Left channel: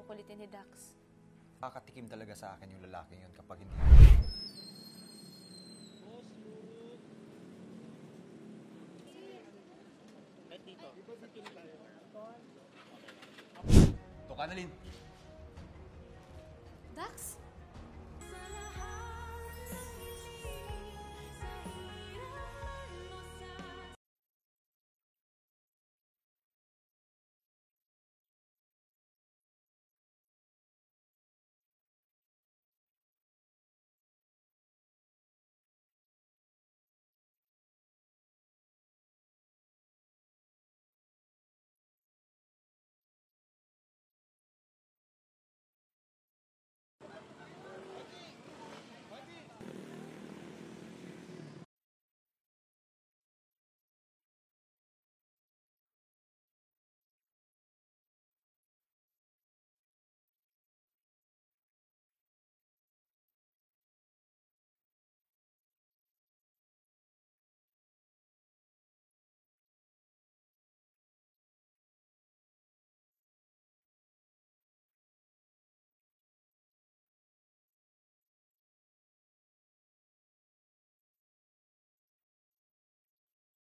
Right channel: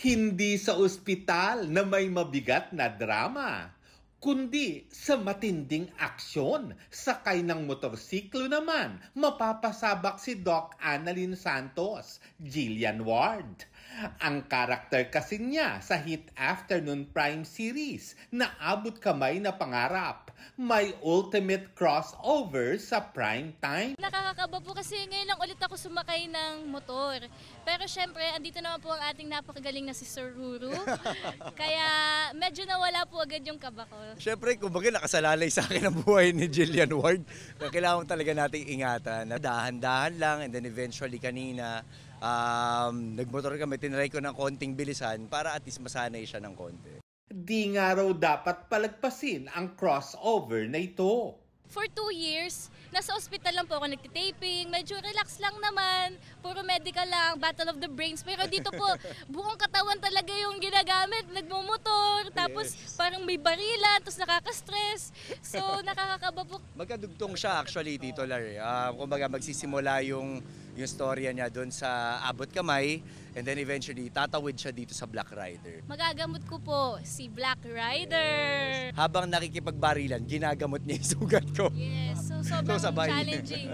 Hindi sa ospital na may mabigat na drama, kundi sa matinding aksyon. Sakay ng motorsiklo naman, mapapasabak si Doc Annalyn Santos, Jillian Ward. Ang karakter kasi niya sa hit afternoon prime series na Abot Kamay na Pangarap, may ultimate crossover sa prime time. Nakakakaba po kasi ngayon lang ulit ako sumakay ng motor. Pero syempre, andito naman po ang ating napakagaling na si Sir Ruru. Kaya medyo nawala po agad yung kaba ko. Syempre, kumbaga nakasalalay sa akin ang buhay ni Jillian Ward. Kailangan talaga nating ingatan. Dahan-dahan lang and then eventually kanina, nagmotor kami, tinry ko ng konting bilisan para at least masanay siya ng konti. Di nga raw dapat palagpasin ang crossover na ito. For 2 years, nasa ospital lang po ako nagtitaping, medyo relax lang naman, puro medical lang, battle of the brains. Pero dito po, buong katawan talaga yung ginagamit, nagmumotor, tapos parang may barilan, tapos nakaka-stress. So nakakakaba po. Magkadugtong siya actually, Tito Larry. Kumbaga magsisimula yung storya niya doon sa Abot Kamay and then eventually tatawid siya dito sa Black Rider. Magagamot ko po si Black Rider. Habang nakikipagbarilan, ginagamot niya yung sugat ko. Yes, so sobrang So, sabay. challenging.